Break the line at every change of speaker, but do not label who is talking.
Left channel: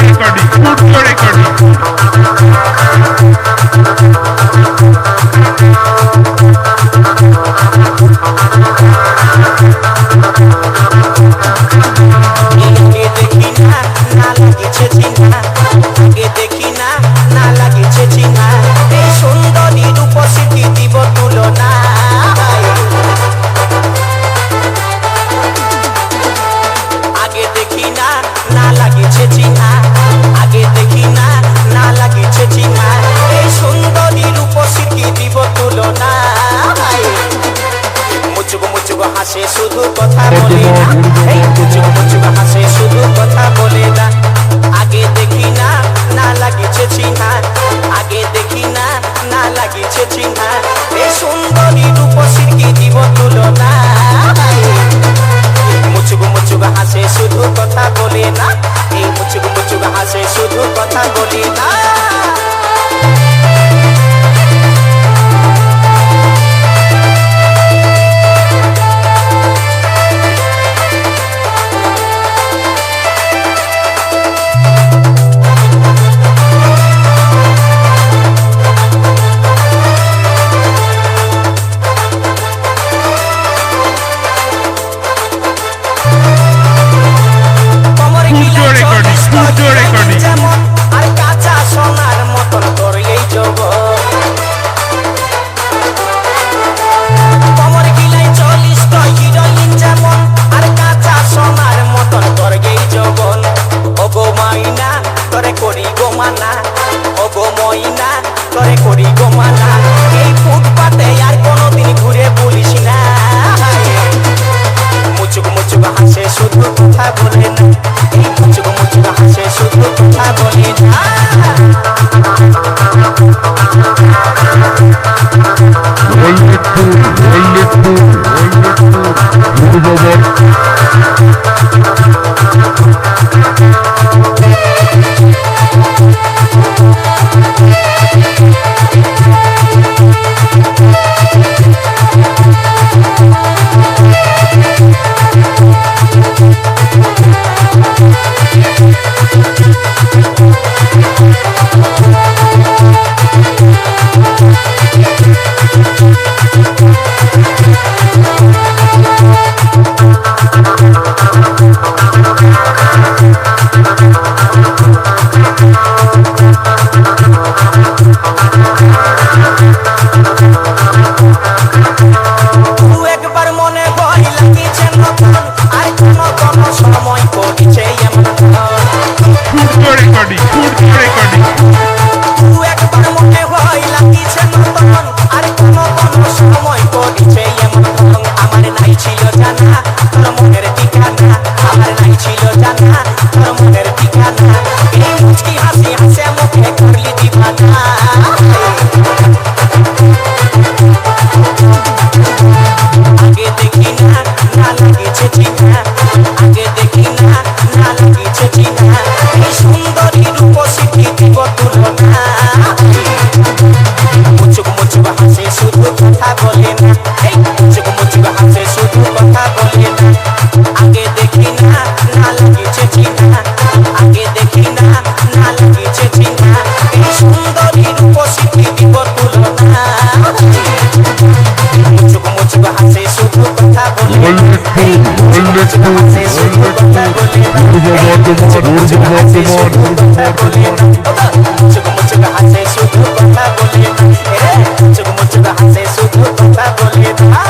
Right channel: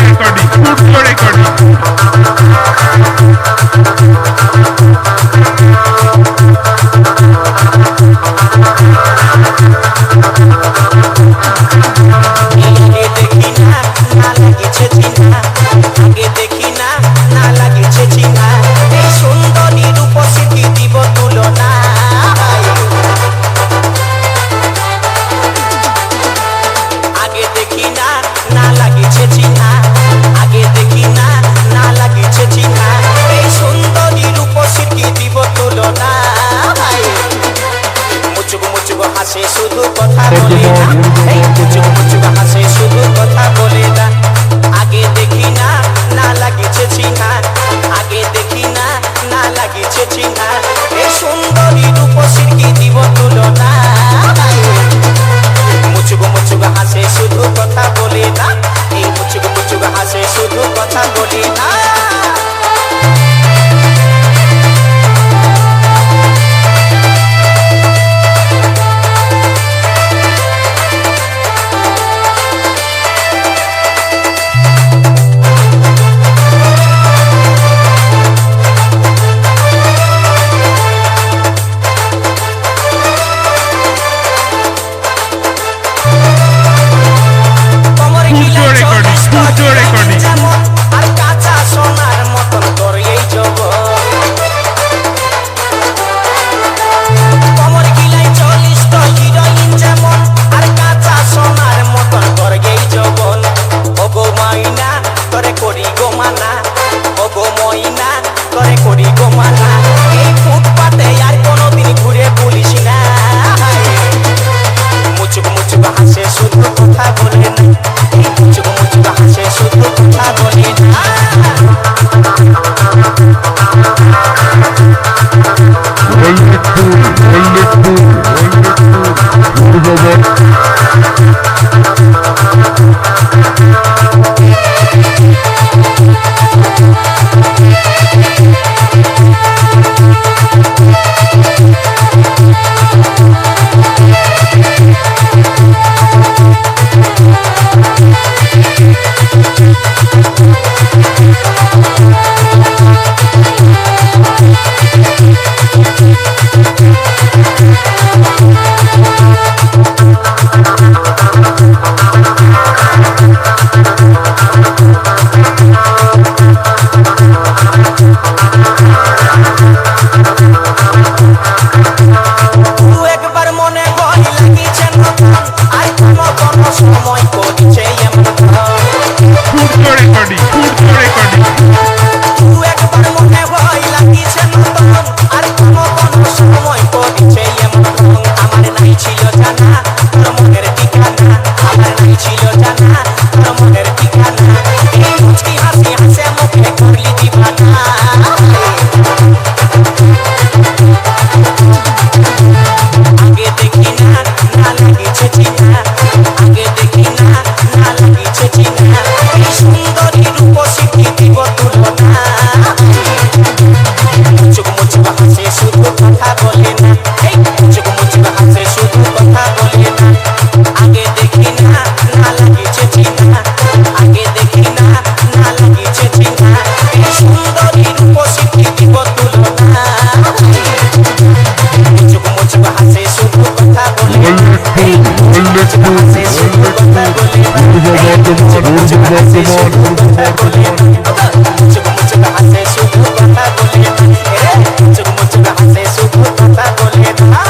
Recording পূর্ব recording
দেখি না না লাগিছে চিনা না এই সুন্দরী রূপসী দিব তুলনা। হাসে শুধু কথা বলে না। এই মুচুক মুচুক হাসে শুধু কথা বলে না। আগে দেখি না না লাগিছে চিহ্না। আগে দেখি না না লাগিছে চিহ্না। এই সুন্দরী রূপসীর কি দিব তুলনা? মুচুক মুচুক হাসে শুধু কথা বলে না। এই মুচুক মুচুক হাসে শুধু কথা বলে না। মাইনা তোরে করি গো মানা। ও গো তোরে করি গো মানা। এই ফুটপাতে আর কোনোদিন ঘুরে বলিস না। মুচুক মুচুক হাসে শুধু কথা বলে না। এই মুচুক মুচুক হাসে শুধু কথা বলে না।
অল্লেখপুর অল্লেখপুর অল্লেখপুর মুর্দাবাদ
দু একবার মনে ভয় লাগিছে নতুন আর কোন কোন সময় করিছে এমন দু একবার মনে ভয় লাগিছে নতুন আর কোন কোন সময় করিছে এমন আমার নাই ছিল জানা তোর মনের ঠিকানা। আমার নাই ছিল জানা তোর মনের ঠিকানা। এই মুচকি হাসি হাসে মুখে করলি দিবানা। লাগিছে চিনা আগে দেখি না না লাগিছে চিনা এই সুন্দরী রূপ স্বীকৃতি তুলনা। মুচুক মুচুক হাসে শুধু কথা বলে না। এই মুচুক মুচুক হাসে শুধু কথা বলে না। আগে দেখি না না লাগিছে চিনা আগে দেখি না না লাগিছে চিনা এই তুলনা। মুচুক মুচুক হাসে শুধু কথা বলে অল্লেখপুর অল্লেখপুর অল্লেখপুর মুর্দাবাদ মুর্দাবাদ মুচুক মুচুক হাসে শুধু কথা বলে না এ মুচুক মুচুক হাসে শুধু কথা বলে না